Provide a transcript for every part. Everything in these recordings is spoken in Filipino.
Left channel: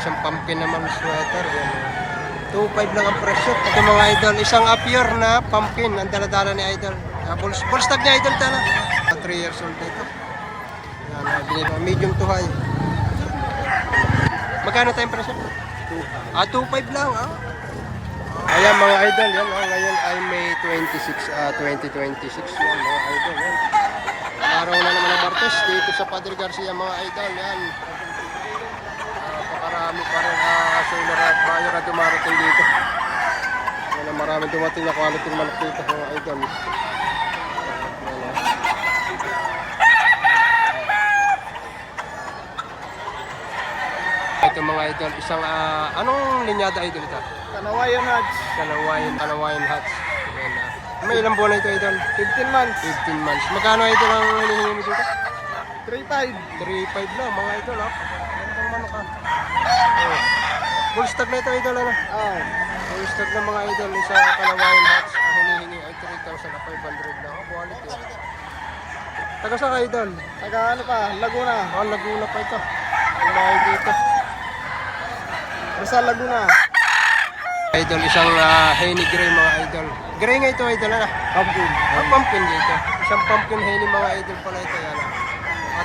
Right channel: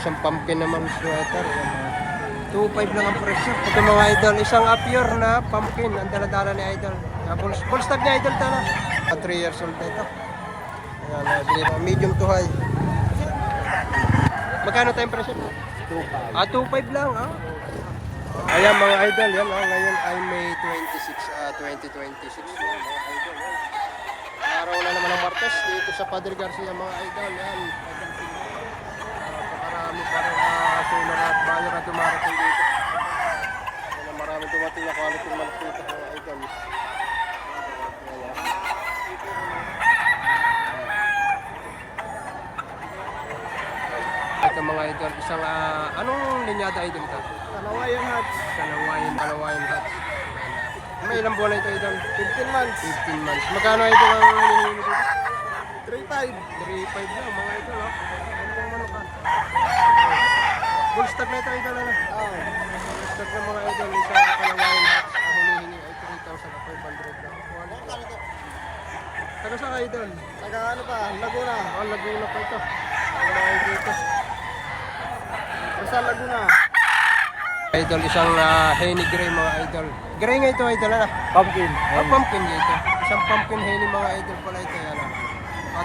Isang pumpkin naman sweater. Yan, 2.5 lang ang presyo. Ito mga idol, isang apure na pumpkin. Ang daladala ni idol. Bullstag niya idol tala. 3 years old na ito. Ayan, binili medium to high. Magkano tayong presyo? 2.5. 2.5 lang. Ayan mga idol, yan. Ngayon ay May 26, 2026. Yan mga idol. Yan. Araw na naman ng Martes dito sa Padre Garcia mga idol. Yan. Pakarami pa rin seller at buyer na dumarating dito. Yan, maraming dumating na quality manok dito mga idol. Ito mga idol, isang anong linyada idol ito? Kalawayan Hats. Kalawayan Hats. May ilang buwan na ito idol? 15 months. 15 months. Magkano idol ang hinihingi mo dito? 3.5. 3.5 lang mga idol. Gandang manok ha. Full stock na ito idol ano? Full stock na mga idol. Isa Kalawayan Hats. Ang hinihingi ay 3,500 lang. Quality. Taga sa ka idol? Taga ano pa? Laguna. Laguna pa ito. Lumay dito. Rizal Laguna. Idol, isang Henny Gray mga idol. Gray nga ito idol na. Pumpkin. Pumpkin dito. Isang pumpkin Henny mga idol pala ito yan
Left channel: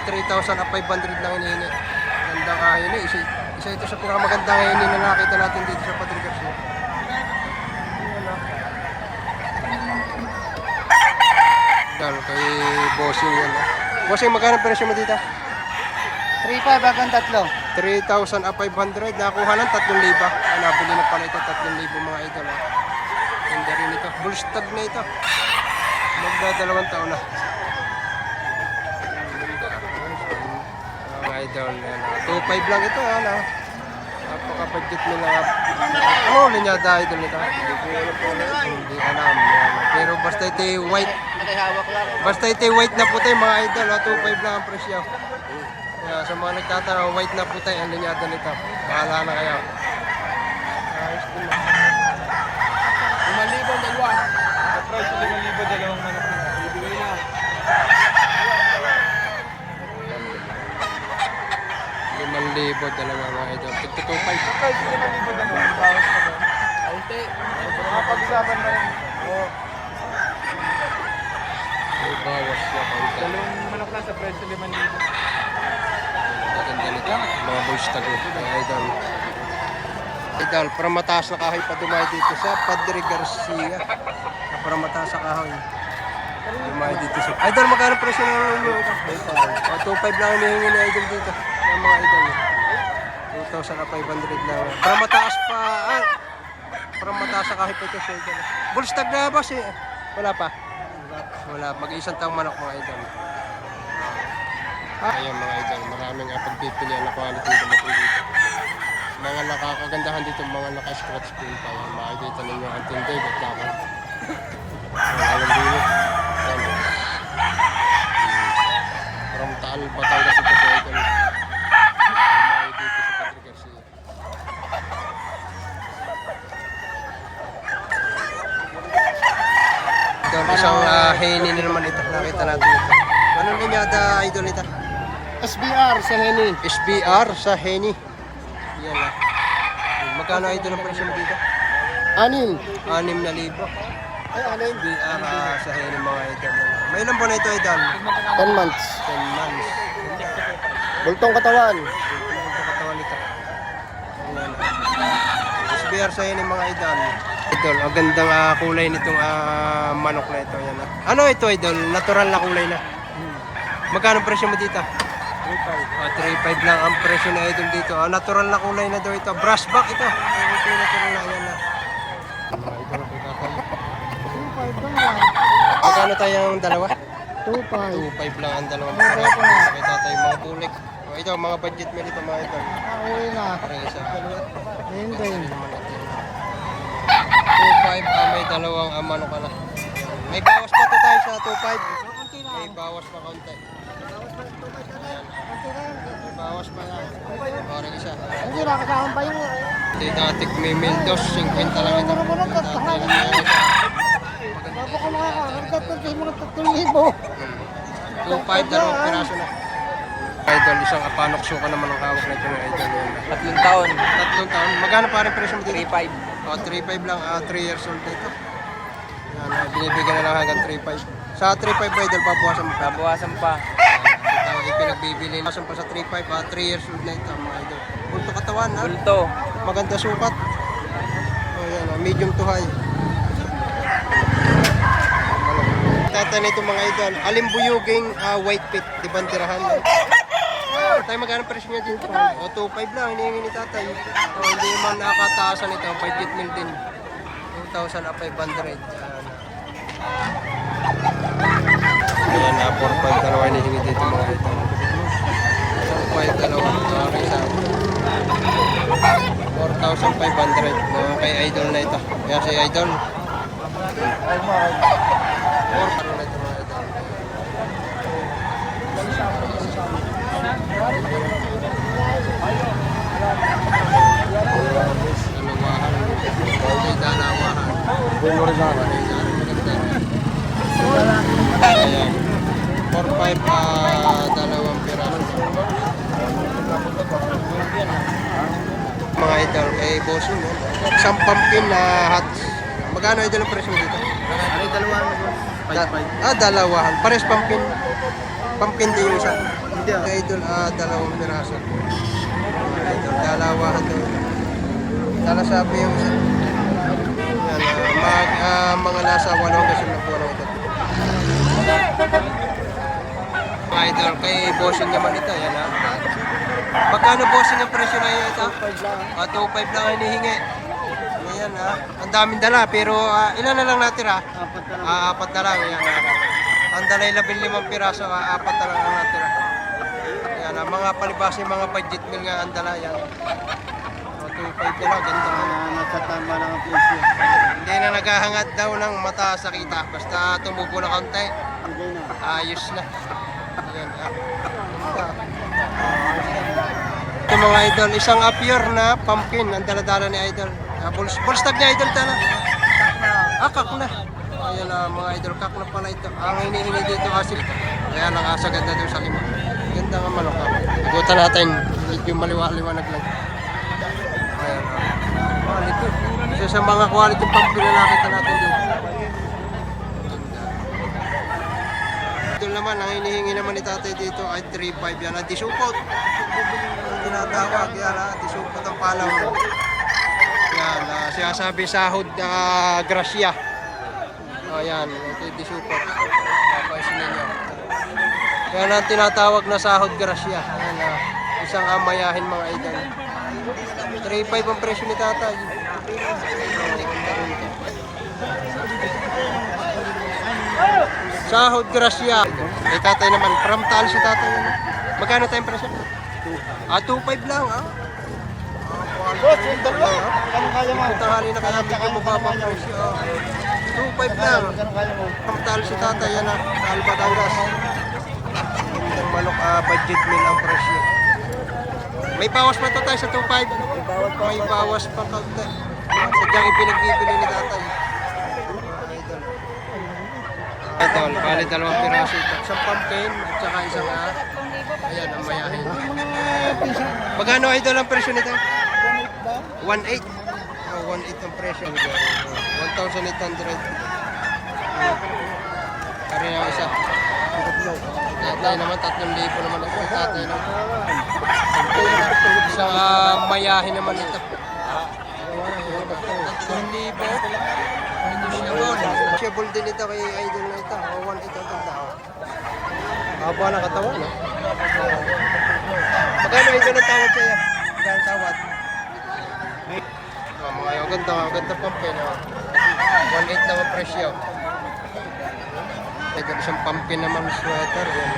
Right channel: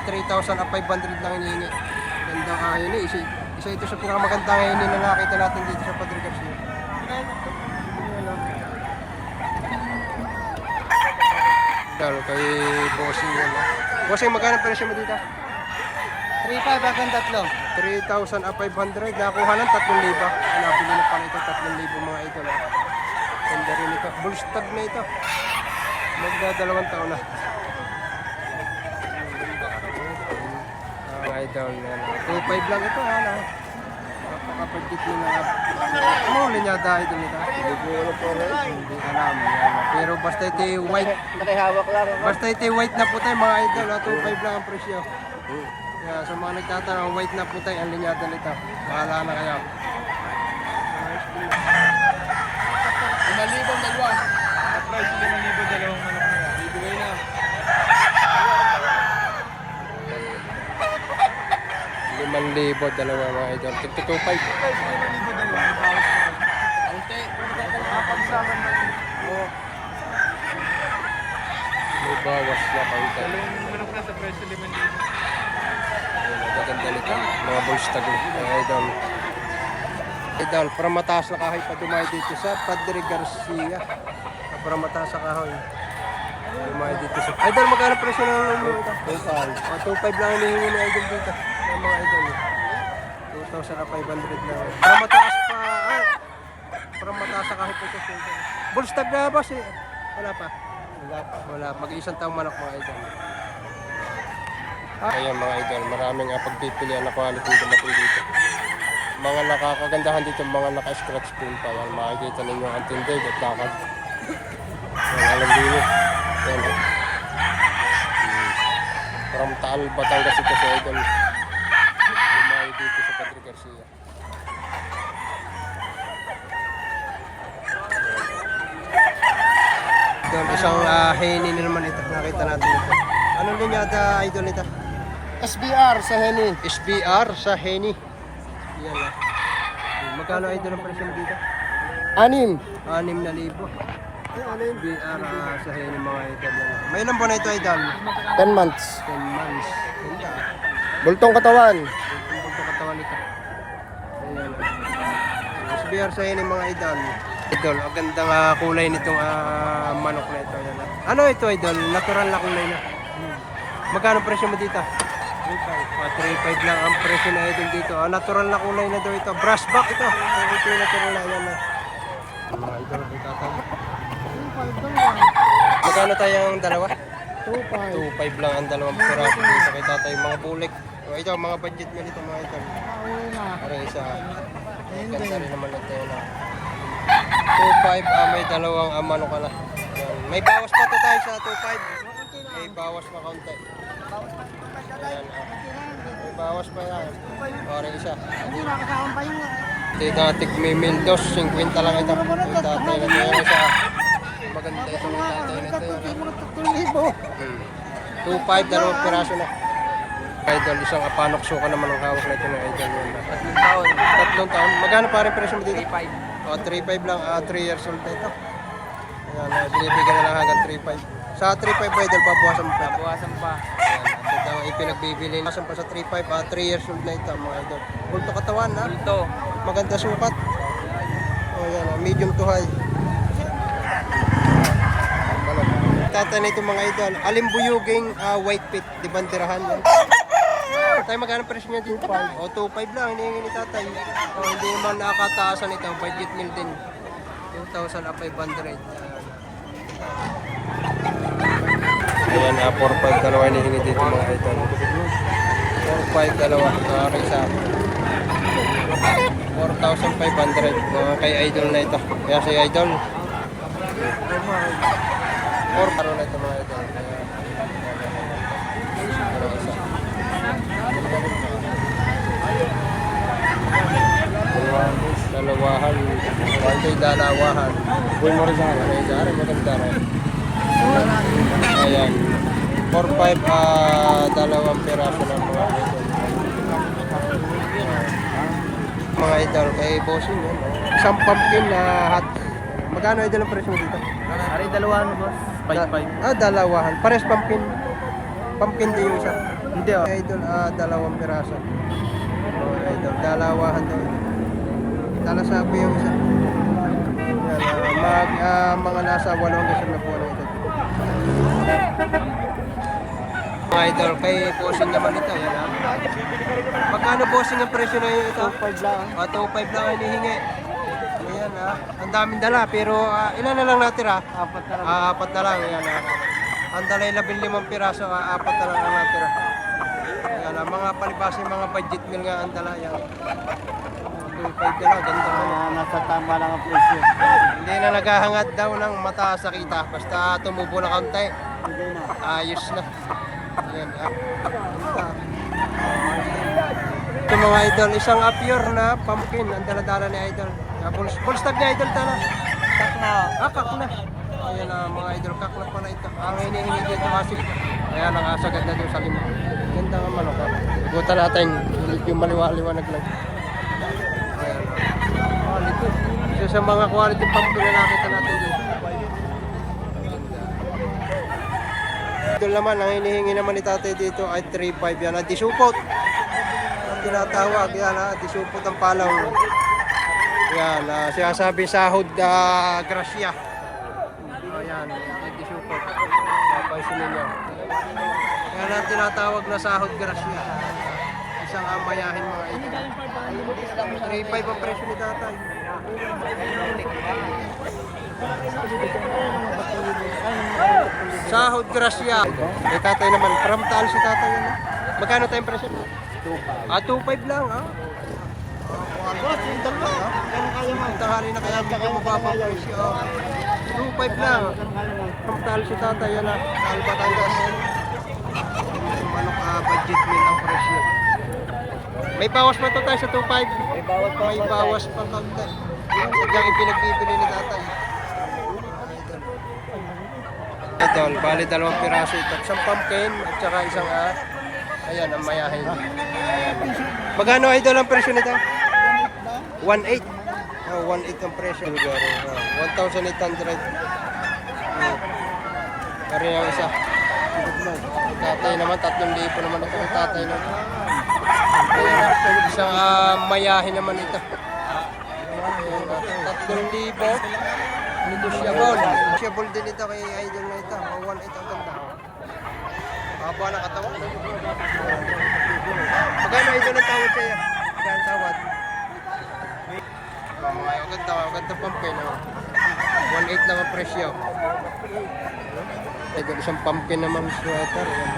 3,500 lang hinihingi. Gandang Henny. Isa ito sa pinakamagandang Henny na nakita natin dito sa Padre Garcia. Ayan Idol, kay Bossing yan Bossing, magkano presyo mo dito? 3.5 hanggang 3. 3,500. Nakuha ng 3,000. Nabili na pala ito 3,000 mga idol. Ganda rin ito. Bullstag na ito. Magdadalawang taon na. Mga idol. 2,500 lang ito. Napaka-budget nila. Ano linyada idol nito? Hindi alam. Pero basta ito white. Basta ito white na puti mga idol. 2,500 lang ang presyo. Sa mga nagtatanong, white na puti ang linyada nito. Bahala na kayo. 5,000 dalawa. At price 5,000 dalawang manok na. Bibigay na. 5,000 dalawa mga idol. Tigto 2,500. Kaunti. Pagsaman. Oh. May bawas na kaunti. Manok na sa price 5,000. Ganda nito. Mga bullstag idol. Idol, para mataas na kahoy pa dumay dito sa Padre Garcia. Para mataas na kahoy. Dumay dito sa... Idol, magkano presyo ng ulo ito? 2,500 lang hinihingi ni idol dito. Yung mga idol. 2,500 lang. Para mataas pa... para mataas na kahoy pa ito sa idol. Bullstag na boss eh. Wala pa. Wala. Mag-iisang taong manok mga idol. Ayan mga idol, maraming pagpipilian na quality dumating dito. Mga nakakagandahan dito, mga naka-scratch screen pa yan. Makikita ninyo ang tindig at lakad. Yan, alam dito. Yan o. From Taal, Batangas ito sa idol. Lumayo dito sa Padre Garcia. Idol, isang Henny na naman ito. Nakita natin ito. Anong linyada idol ito? SBR sa Henny. SBR sa Henny. Yan lang. Magkano idol ang presyo mo dito? 6. 6,000. SBR sa Henny mga idol. Yan. May ilang buwan na ito idol? 10 months. 10 months. Ganda. Bultong katawan. Bultong katawan ito. Yan lang. SBR sa Henny mga idol. Idol, ang gandang kulay nitong manok na ito. Yan lang. Ano ito idol? Natural na kulay na. Magkano presyo mo dito? 3.5 lang ang presyo na idol dito. Natural na kulay na daw ito. Brush back ito. Ito yung natural na yan na. Mga idol, pagkakal. 2.5 Magkano tayong dalawa? 2.5. 2.5 lang ang dalawang piraso dito. Kita tayo mga bulik. Ito, mga budget meal ito mga idol. Parang isa. Ganda rin naman ito yun. 2.5, may dalawang manok ka na. Yan. May bawas pa ito tayo sa 2.5. May bawas pa kaunti. Ayan, may bawas pa yan. Parang isa. Ito natik may mildos, 50 lang ito. May tatay na tayo isa. Maganda ito may tatay na ito. 2.5, dalawang piraso na. Idol, isang apanok suka naman ang hawak na ito ng idol yan na. 3 taon. 3 taon. Magkano pa rin presyo mo dito? 3.5. Oh, 3.5 lang. 3 years old na ito. Ayan, binibigyan na lang hanggang 3.5. Sa 3.5 idol, babawasan mo pa ito. Bawasan pa. Ayan, ito daw ipinagbibili. Bawasan pa sa 3.5, 3 years old na ito mga idol. Bulto katawan ha. Bulto. Maganda sukat. Oh, yan, medium to high. Tatay na ito mga idol. Alimbuyuging white pit. Di bandirahan yan. Tatay, magkano presyo niya din? O, 2.5 lang. Hinihingi ni tatay. O, hindi naman nakakataasan ito. Budget meal din. 2,500. Ayan na, 4.5 dalawa hinihingi dito mga idol. 4.5 dalawa. Okay sa 4,500. Mga kay idol na ito. Kaya si idol. 4 karo na ito mga idol. Dalawahan. Ito'y dalawahan. Marizara, maganda rin. Ayan. 4-5, dalawang piraso ng mga idol. Kay bossing yan. Isang pumpkin na hats. Magkano idol ang presyo mo dito? Aray, dalawahan mo. Dalawahan. Pares pumpkin. Pumpkin din yung isa. Hindi ah. Idol, dalawang piraso. Mga idol, dalawahan daw. Dalasabi yung isa. Yan, mga nasa 8 hanggang 10 buwan ang idol. Mga idol, kay bossing naman ito. Yan ha. Magkano bossing ang presyo na yun ito? 2.5 lang. 2.5 lang ang hinihingi. Ayan ha. Ang daming dala pero ilan na lang natira? 4 na lang. 4 na lang. Ayan ha. Ang dalay 15 piraso, 4 na lang ang natira. Ayan ha. Mga palibasa yung mga budget meal nga ang dala. Ayan. 2.5 na lang. Gandang ano. Nasa tama lang ang presyo. Hindi na naghahangad daw ng mataas sa kita. Basta tumubo na kaunti. Hindi na. Ayos na. Ayan ha. Ganda. Ito mga idol, isang pure na pumpkin ang dala-dala ni idol. Bullstag niya idol tala. Kak na. Ayan na mga idol, kak na pala ito. Ang hinihingi dito asil. Kaya lang asagad na doon sa 5. Ganda nga manok ha. Igutan natin, medyo maliwanag lang. Ayan ha. Quality. Isa sa mga quality pumpkin na nakita natin dito. Ganda. Ito naman, ang hinihingi naman ni tatay dito ay 3.5 yan. Disupot. Tinatawag yan ha, disupot ang palaw. Yan, siya sabi sahod grasya. O yan, disupot. Papasin ninyo. Yan ang tinatawag na sahod grasya. Yan, isang amayahin mga idol. 3.5 ang presyo ni tatay. Sahod grasya. Eh tatay naman, from Taal si tatay yan. Magkano tayong presyo? 2.5 lang quality ito yan Ito tanghali na kaya medyo mababa ang presyo 2.5 lang. From Taal si tatay yan Taal Batangas. Ang manok budget meal ang presyo. May bawas pa to tayo sa 2.5. May bawas pa kaunti. Sadyang ipinagbibili ni tatay. Idol, bali 2 piraso ito. Isang pumpkin at saka isang ayan, ang mayahin. Magkano idol ang presyo nito? 1.8. 1.8 ang presyo. 1,800. Pare yung isa. Tatay naman, 3,000 naman ito. Tatay naman. Isang mayahin naman ito. 3,000. Negotiable din ito kay idol na ito. 1.8 ang ganda. Haba na katawan, no? Magkano idol ang tawad sa'yo? Magkano ang tawad? Ganda pumpkin, no? 1.8 lang ang presyo. Idol, isang pumpkin naman sweater. Yan,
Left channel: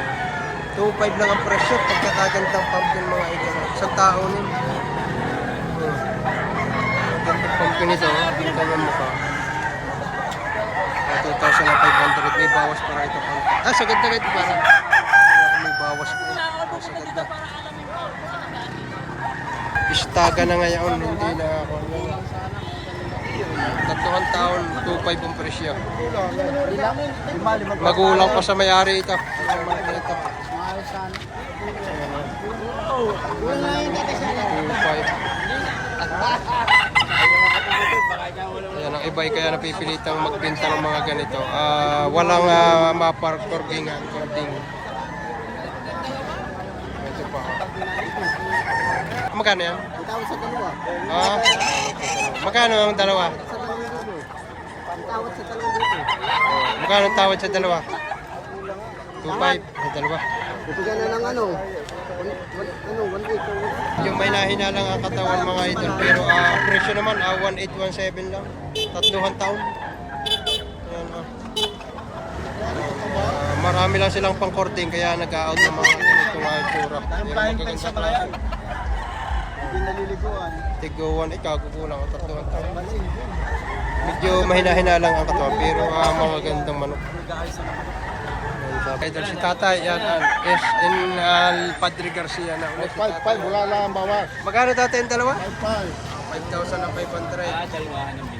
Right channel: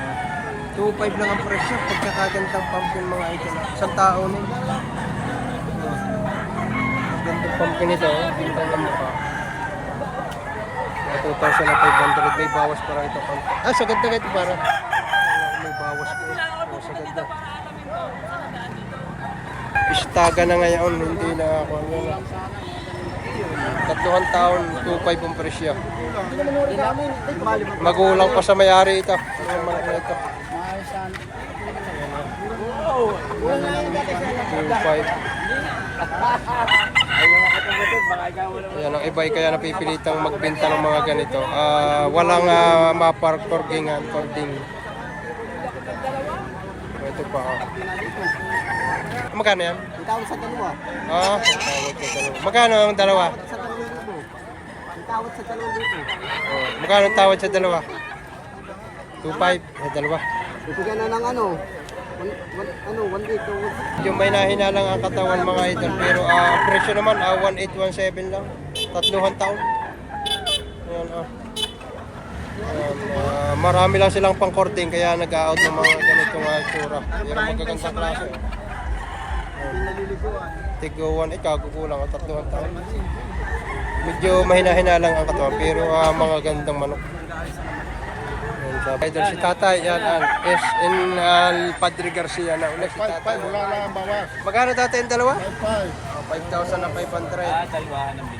2.5 lang ang presyo. Pagkakagandang pumpkin mga idol. Isang tao nin. Ang gandang pumpkin ito. Ganda ng mukha. 2,500. May bawas para ito konti. Sa ganda ito para. May bawas ko. Sa ganda. Istaga na ngayon. Hindi na ako. 3 taon. 2.5 ang presyo. Magulang pa sa may-ari ito. Mga manok na ito. Ayan, Ayan, ang iba ay kaya napipilitang magbenta ng mga ganito. Walang maparkorgingan, cording. Ito pa. Magkano yan? Itawag sa dalawa. Tawad sa dalawa. Magkano ang dalawa? Sa 2,000. Itawag sa 2,000. Magkano ang tawad sa dalawa? 2.5 sa dalawa. Bibigyan na ng ano? 1,800. Yung may nahinalang ang katawan mga idol, pero presyo naman 1,817 lang. 3 taon. Ayan marami lang silang pang-cording kaya nag-out ng mga ganitong tsura. Pero magagandang klase. Tiguan, kagukulang 3 taon. Medyo mahina-hina lang ang katawan pero mga gandang manok. Idol si Tatay, yan, is in Padre Garcia na ulit si Tatay. 5,500, wala lang ang bawas. Magkano Tatay ang dalawa? 5,500. 5,500.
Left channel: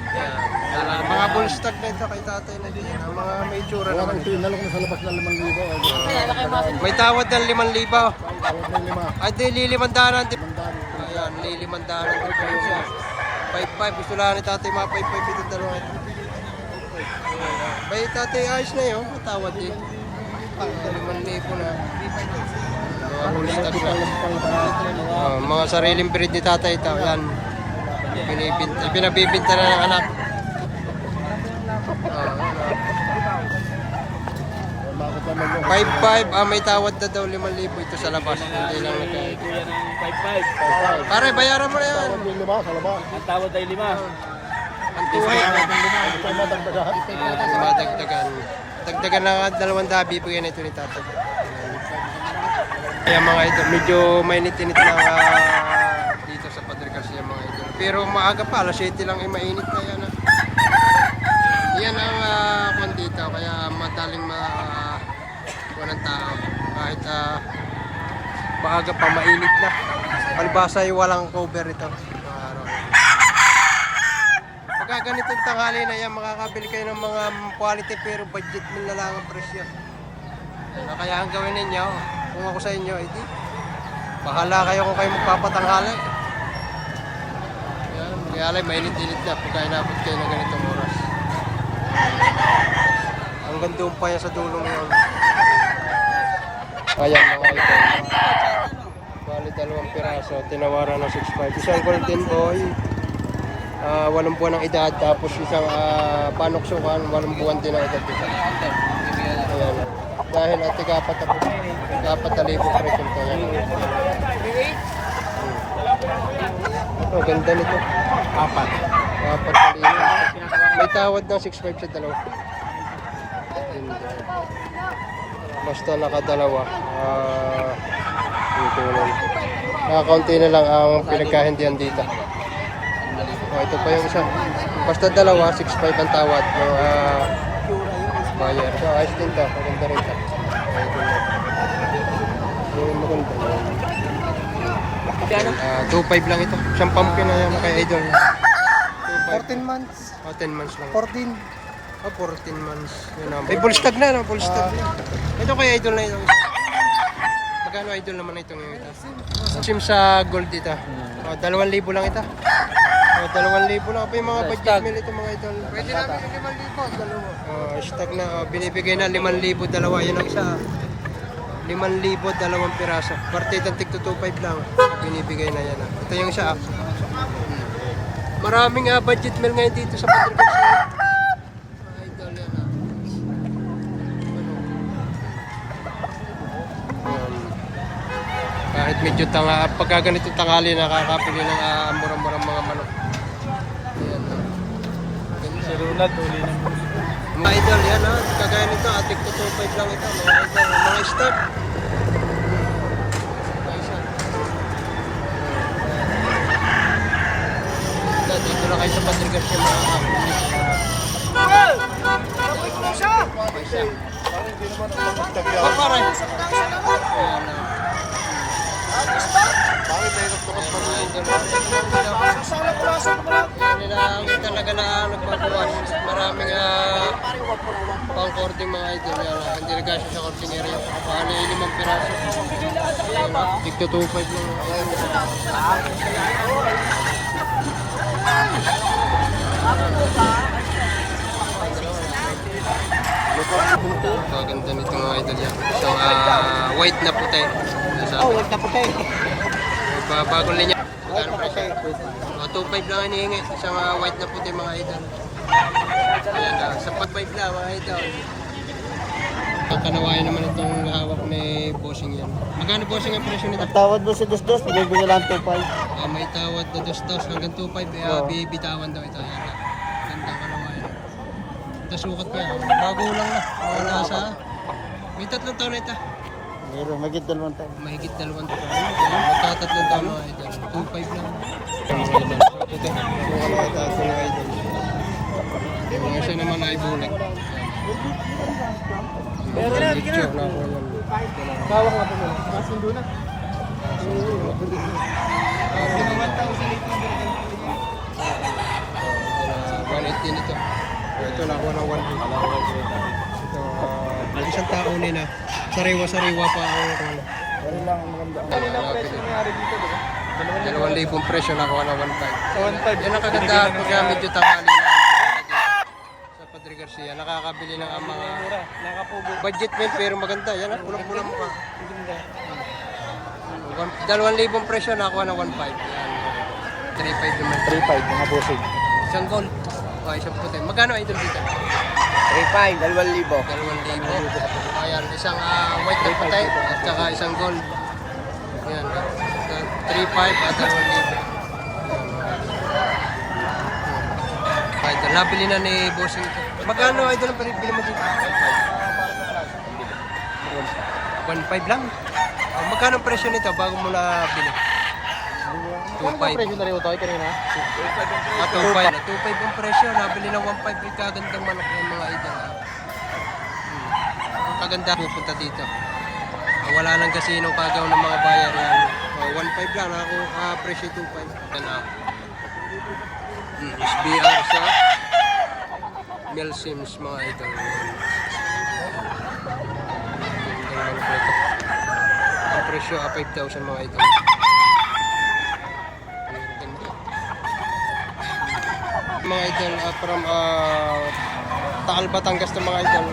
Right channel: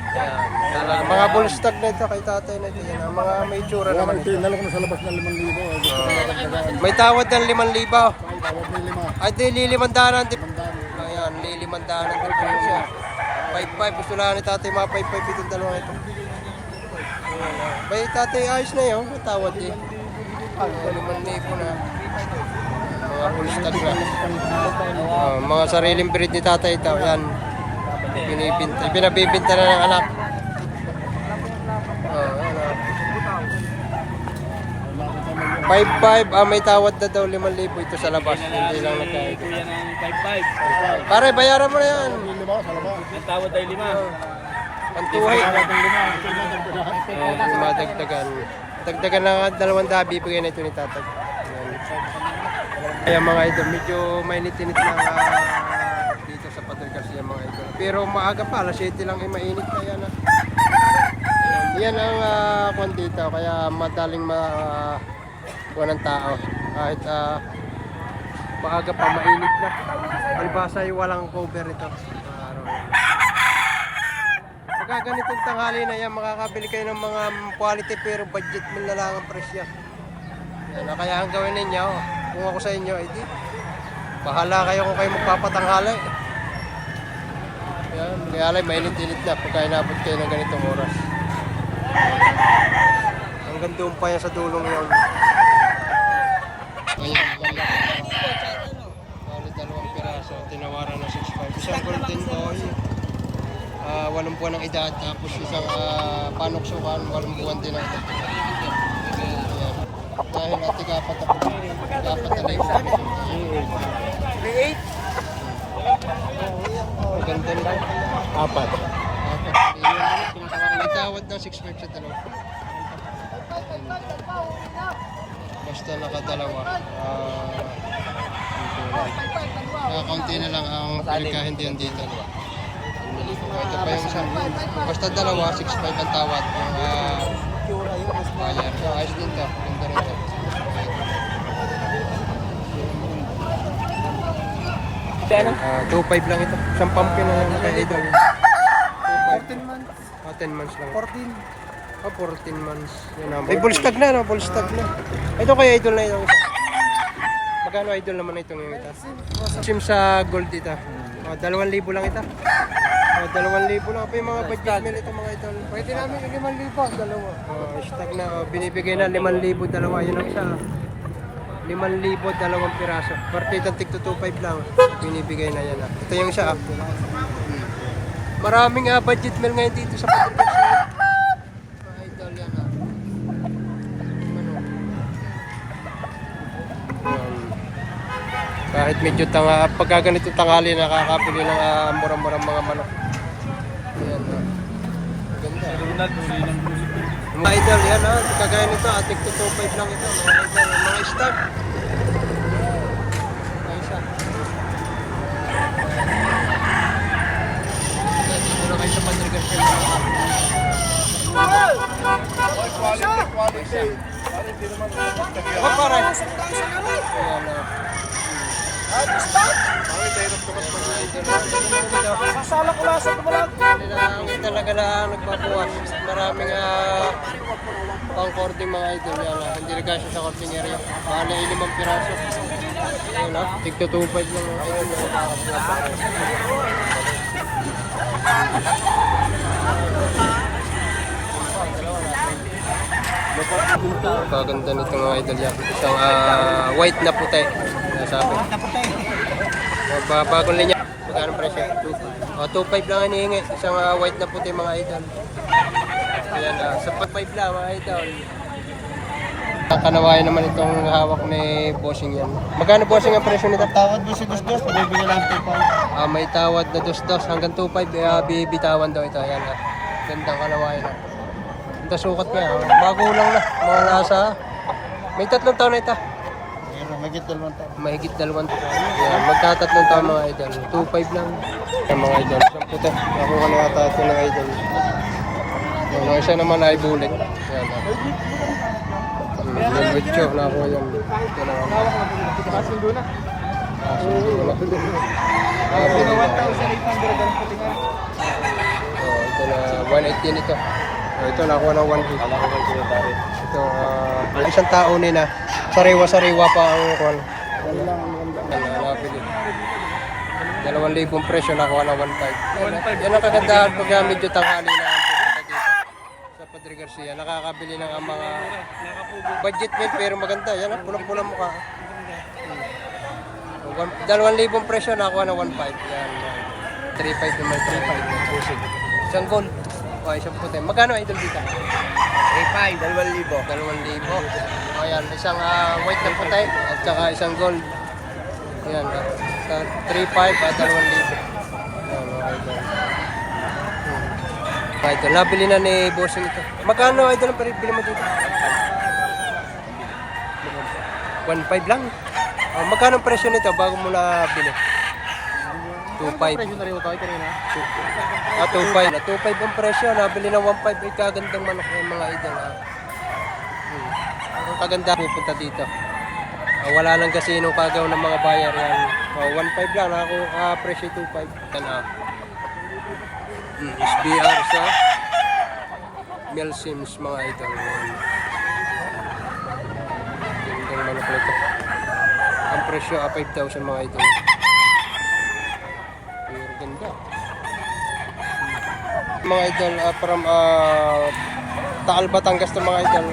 Yan, talaga. Mga bull stock na ito kay Tatay na ito. Yan, mga may tsura naman ito. Tinalo ko na sa labas ng 5,000. May tawad ng 5,000. Tawad na 5. Ay, di, lilimandanan din. Mandari. Ayan, lilimandanan din po yun siya. 5,500. Gusto lang ni Tatay mga 5,500 itong dalawang ito. Ayan, Bay Tatay, ayos na yun. Tawad din. 5,000 na. Mga bull stock na. Mga sariling breed ni Tatay ito. Yan. Pinabibinta na ng anak. Ano. 5,500, may tawad na daw 5,000 ito sa labas. Hindi lang nagkait. Yan ang 5-5. Pare, bayaran mo na yan. Ang tawad ay 5. Ang tuhay. Madagdagan. Dagdagan na 200, bibigyan na ito ni Tatag. Kaya mga idol, medyo mainit-init lang dito sa Padre Garcia mga idol. Pero maaga pa, alas 7 lang ay mainit na yan. Yan ang kwan dito, kaya madaling ng tao. Kahit maaga pa, mainit na. Palibasa ay walang cover ito. Itong araw yan. Pagka ganitong tanghali na yan, makakabili kayo ng mga quality pero budget mo na lang ang presyo. Yan, kaya ang gawin ninyo, kung ako sa inyo, edi, bahala kayo kung kayo magpapatanghali. Yan, kaya mainit-init na pagka inabot kayo ng ganitong oras. Hanggang doon pa yan sa dulong yun. Ayan mga ito. Bali 2 piraso, tinawaran ng 6.5. Isang golden boy, 8 buwan ng edad, tapos isang panoksukan, 8 buwan din ang edad. Ayan. Dahil at ikapat na po, 4,000 po ito. Ganda nito. 4,000. May tawad ng 6.5 sa dalawa. Basta nakadalawa. Nakakunti na lang ang pinagkahindihan dito. Ito pa yung isa. Basta dalawa, 6.5 ang tawad. Buyer. Ayos din ito. Maganda rin ito. Maganda. 2.5 lang ito. Isang pumpkin na yan kay Idol. 2.5. 14 months. 10 months lang. 14. 14 months. Yun na. May bull stag na, no? Bull stag na. Ito kay Idol na itong isa. Magkano Idol naman itong yung ito? Sim sa gold ito. 2,000 lang ito. 2,000 lang. Pa yung mga budget meal ito mga Idol. Pwede namin 5,000. Dalawa. Stag na. Binibigay na 5,000 dalawa. Yun ang isa. 5,000 2 piraso. Partidang tig 2.5 lang. Binibigay na yan. Ito yung isa. Maraming budget meal ngayon dito sa Padre Garcia. Idol yan kahit medyo pagka ganito tanghali nakakabili ng murang-murang mga manok. Ayan ganda. Runad, uli ng Mga idol yan kagaya nito atik 2.5 lang ito mga idol. Mga stock. Mga isa. Dito na kayo sa Padre Garcia mga kapatid. Oh, pare. Ayan na. Bakit tayo kaptukat pa mga idol? Yan nila ang talaga na nagbabawas. Maraming pang-cording mga idol. Yan, hindi na gasyo sa cording area. Bali 5 piraso. Ayan ah, tigto 2.5 lang mga idol. Kaganda nito mga idol yan. Isang white na puti. Nasabi. Bagong linya. Magkano presyo? 2.5 lang hinihingi. Isang white na puti mga idol. Ayan, sa 5 lang mga idol. Kanawayan naman itong hawak ni bossing yan. Magkano bossing ang presyo nito? Tawad mo si Dos, bibigyan lang 2.5. May tawad na dos hanggang 2.5 bibitawan daw ito. Ayan gandang kanawayan. Ito sukat niya. Bago lang na. Mga nasa. May 3 taon na ito. Meron, magit 2 taon. Mahigit 2 taon. Ayan, magtatatlong taon mga idol. 2.5 lang. Ayan mga idol. So, ito. Nakuha na yata ito ng idol. Yung isa naman ay bulik. Ayan. Velvet job na ako yan. Kasundo na. Ito na 180 yan ito. Ito na ako ng 180. Ito, isang tao nila. Sariwa-sariwa pa ang kwan. Napili. 2,000 presyo na ako ng 1.5. Yan ang kagandahan pag medyo tanghali na ang pupunta dito. Sa Padre Garcia. Nakakabili ng mga budget meal pero maganda. Yan ah, pulang-pulang mukha. 2,000 presyo na ako ng 1.5. Yan. 3.5 naman. 3.5 mga busig. Isang gold. O, isang puti. Magkano idol dito? 3.5, 2,000. 2,000. Ayan, isang white na puti at saka isang gold. Yan, 3.5 at 2,000. Yan, mga idol. Idol, nabili na ni bossing ito. Magkano idol ang bili mo dito? 1.5 lang. Magkano ang presyo nito bago mo na bili? 2.5. Presyo na rin ito ay kanina. 2.5. 2.5 ang presyo. Nabili ng 1.5. Ay kagandang manok yung mga idol. Ang kaganda pupunta dito. Wala nang kasinong kagaw ng mga buyer yan. 1.5 lang. Ako presyo 2.5. Yan SBR sa Mel Sims mga idol. Gandang manok nito. Ang presyo 5,000 mga idol. Pero ganda. Mga idol from Taal Batangas to mga idol.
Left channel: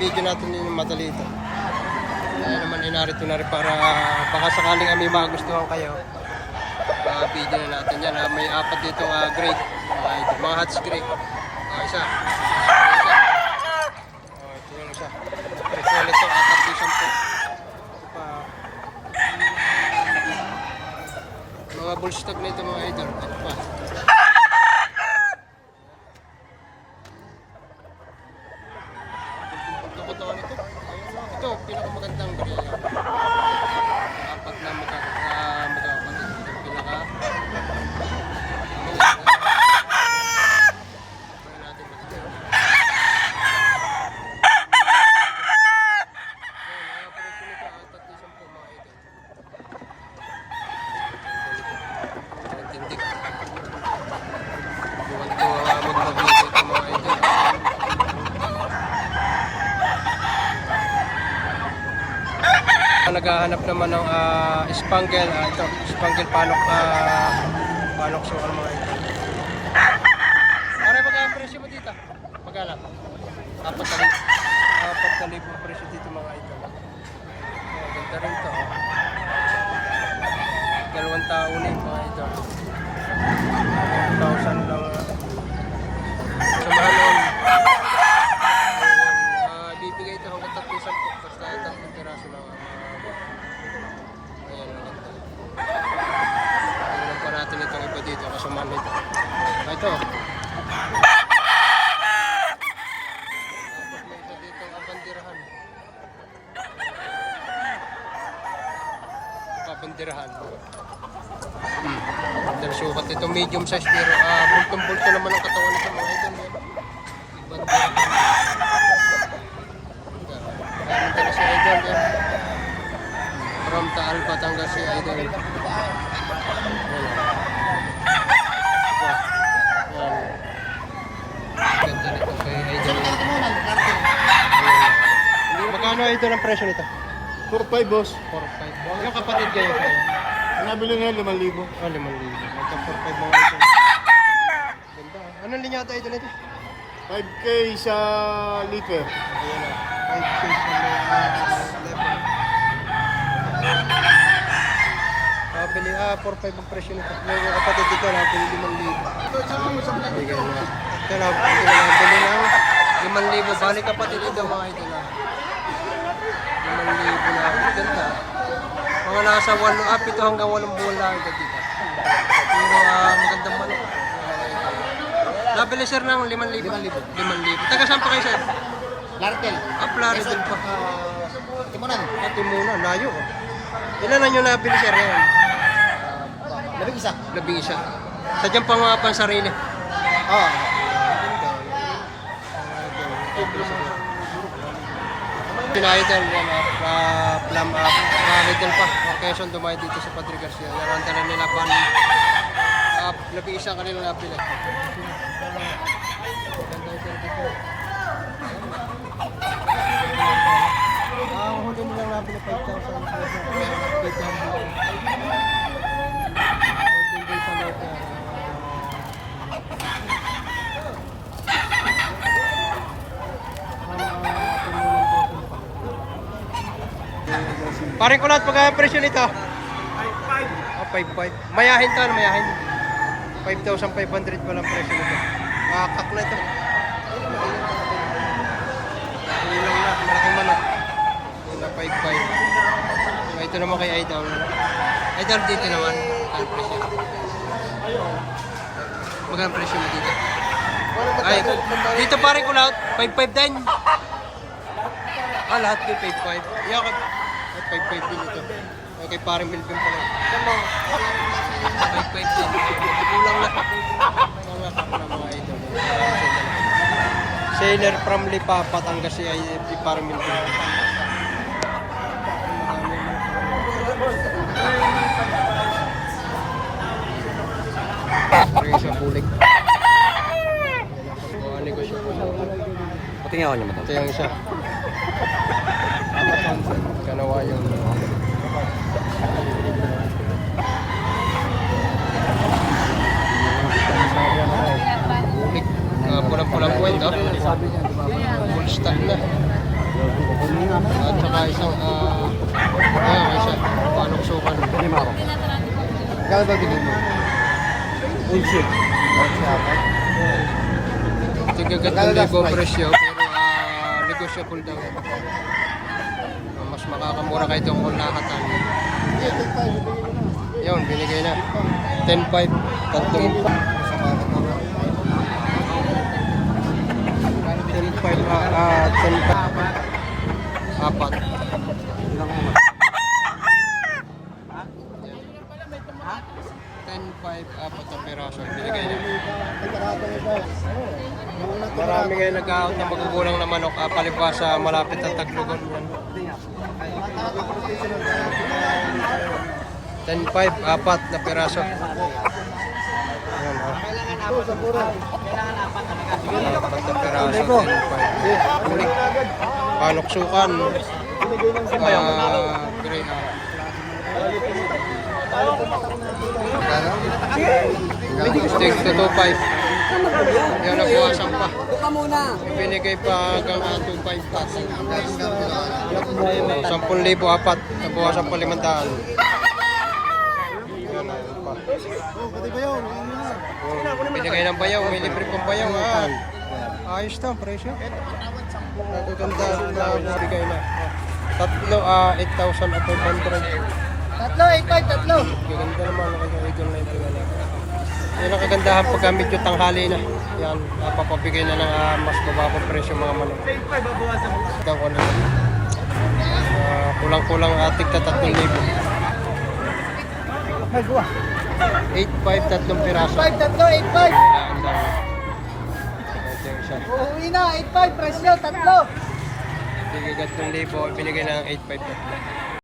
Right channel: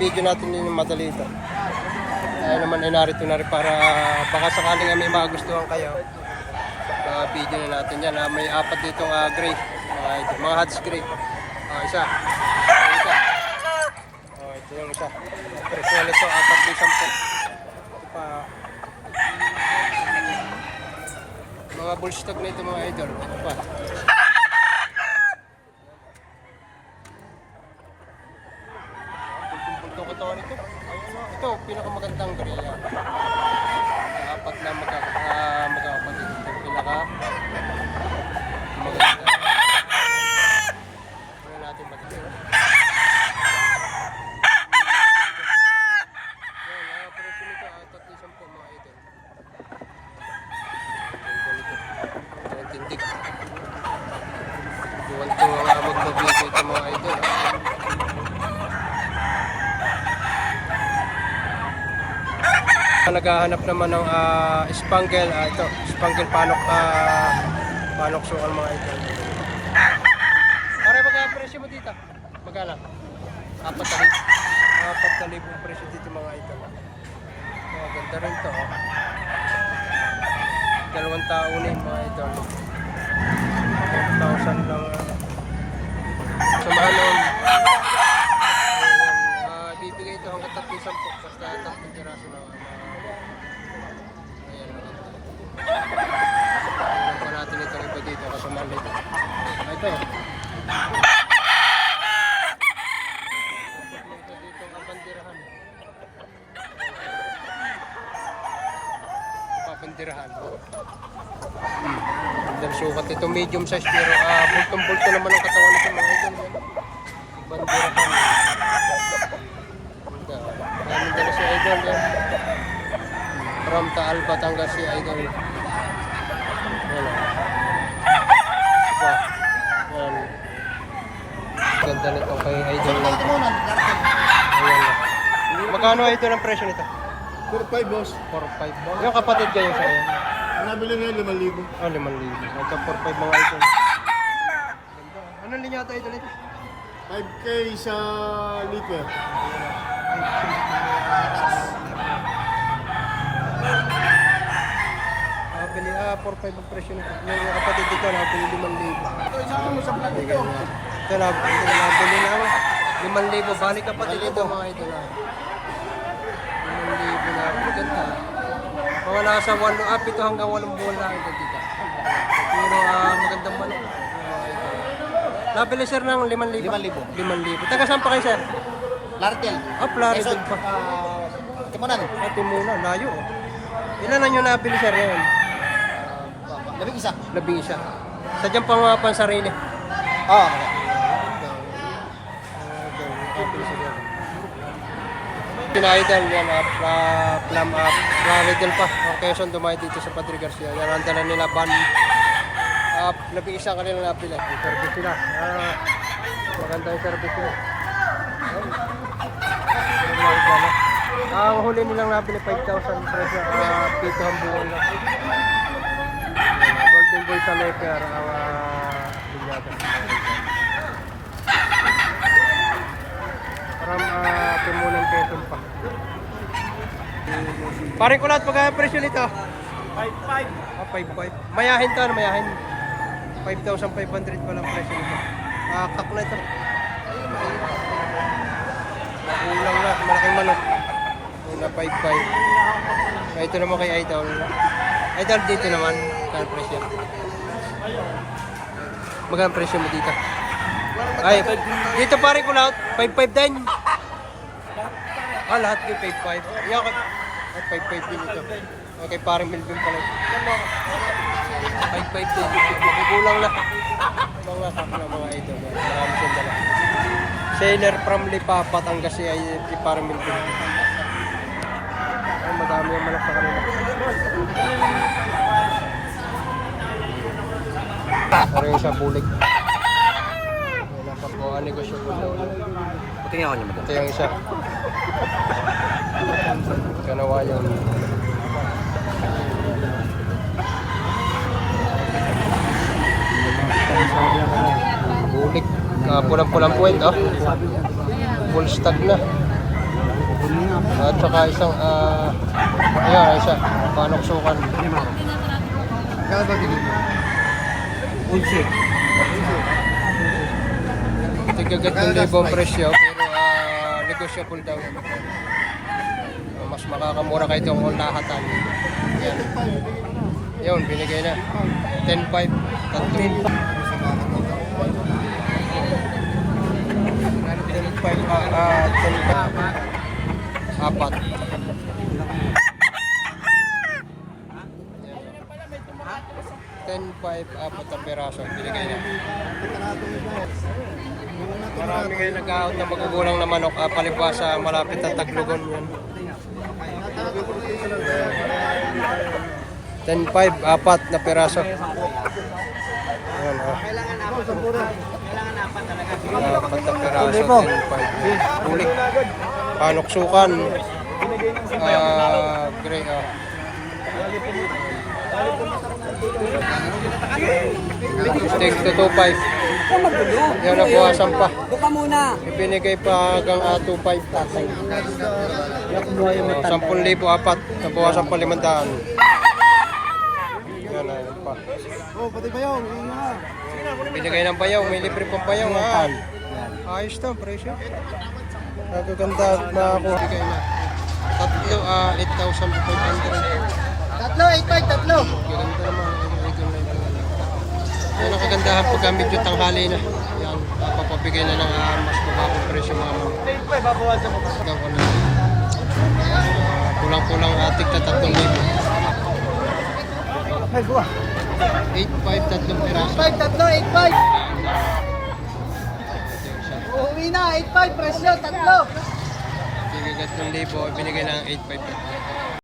Video natin din madali ito. Tayo naman ay narito na rin para baka sakaling may magustuhan kayo. Video na natin yan. May 4 ditong gray mga idol. Mga Hats gray. Isa. Ito yung isa. Presyo nito 3,10. Ito pa. Mga bullstock na ito mga idol. Ito pa. Bulto ko to nito. Ito, pinakamagandang bariya. 4 na magkakapatid. Ito pinaka maganda. Pwede natin maganda. Yan, presyo nito 3,10 mga idol. Tindig. Buwan ito mag-video ito mga idol. Naghahanap naman ng spangle. Ito, spangle panok sukal mga idol. Pare, magka-presyo mo dito? Magkano? 4,000 presyo dito mga idol. Ganda rin to. 2 taon na mga idol. 1,000 lang. Samahan nun. Bibigay ito hanggang 3,10. Basta 3 piraso lang. Ayan ang ganda. Tingnan pa natin itong iba dito. Kasamahan nito. Ito. Tapos may isa dito ang bandirahan. Papandirahan. Dahil sukat ito medium size pero bultong-bulto naman ang katawan nito mga idol yan. Bandirahan. Kaya dala si idol yan. From Taal Batangas si idol. Yan. Diba? Yan. Ganda nito kay idol. Ayan. Magkano ito ng presyo nito? 4-5 boss. 4-5. Yung kapatid kayo sa'yo? Ang nabili nila 5,000. Oh, 5,000. Ito 4-5 mga ito. Ganda. Anong linyata ito nito? 5K sa liter. Ayan na. 5K sa level. Nakabili, 4-5 ang presyo nito. Yung kapatid dito, nakabili 5,000. Bigay na. Ito nakabili ng 5,000. Balik kapatid dito mga ito na. 5,000 na. Ganda. Mga nasa 7 hanggang 8 buwan lang ito dito. Pero magandang manok. Mga ito. Nabili sir ng 5,000. 5,000. Taga saan pa kayo sir? Lartel. Plaridel pa. Timunan. Timunan, layo. Ilan na nyo nabili sir yan? Labing isa. 11. Sadyang pang mga pansarili. Oh. Ganda. Pinaidal yan, plum up, Plaridel pa. Quezon dumayo dito sa Padre Garcia. Yan ang dala nila ban. 11 kanila nabili. Service sila. Maganda yung service nila. Ang huli nilang nabili 5,000 presyo. Dito ang buwan na. Golden Boy sa letter. Parang timunan peso pa. Paring ko lahat pagkaya presyo nito. 5,500. Mayahin to, ano mayahin? 5,500 pa lang presyo nito. Kak na ito. Ulang na, malaking manok. Una 5,500. Ito naman kay Idol. Idol dito naman. Magkano presyo? Magkano presyo mo dito? Ay, dito pare ko lahat. 5,500 din. Lahat kay 5,500. Iyak at 5,500 din ito. Okay, parang Melvin pala. 5,500 din. Kulang na. Mga kak na mga idol. Marami siya dala. Sailor from Lipa, Batangas ay parang Melvin. Ay, madami yung malak sa kanila. Parang yung sa bulik. Yan ang pagkuha negosyo po. Ito yung ano. Ito yung isa. Kanawa yung bulik. Pulang-pulang point, oh. Full stock na. At saka isang, ayan, isa. Panoksukan. Kaya ba bigyan mo? Bullshit. Tigagat ng libong presyo, pero negotiable daw. Mas makakamura kayo itong ulahatan. Yun, binigay na. 10,500, tatlong. 10,500, apat. 10,500, apat na peraso. Binigay na. Marami ngayon nag-out na magugulang na manok. Palibas sa malapit na Taglugon yan. 10,500, apat na peraso. Ayan, Kailangan apat talaga. apat na peraso, 10,500. Ulik. Panoksukan. Gray. Steak sa 2,500. Yan, nabuwasan pa. Ibinigay pa hanggang 2,500. 10,000 apat. Nabuwasan pa 500. Yan, ayun pa. Pati ba yun? Binigay ng bayaw. May libre pang bayaw. Ayos to, presyo. Nagaganda na ako. Bigay na. Tatlo, 8,500. Tatlo, 8,500, tatlo. Gaganda naman ang kanyang idol na ito. Yan ang kagandahan pagka medyo tanghali na. Yan, papapabigay na ng mas bababang presyo mga manok. Ito ko na lang. Kulang-kulang atik na 3,000. 8,500, tatlong piraso. 8,500, tatlo, 8,500. Uuwi na, 8,500, presyo, tatlo. Bigigat ng libo, binigay ng 8,500 tatlo.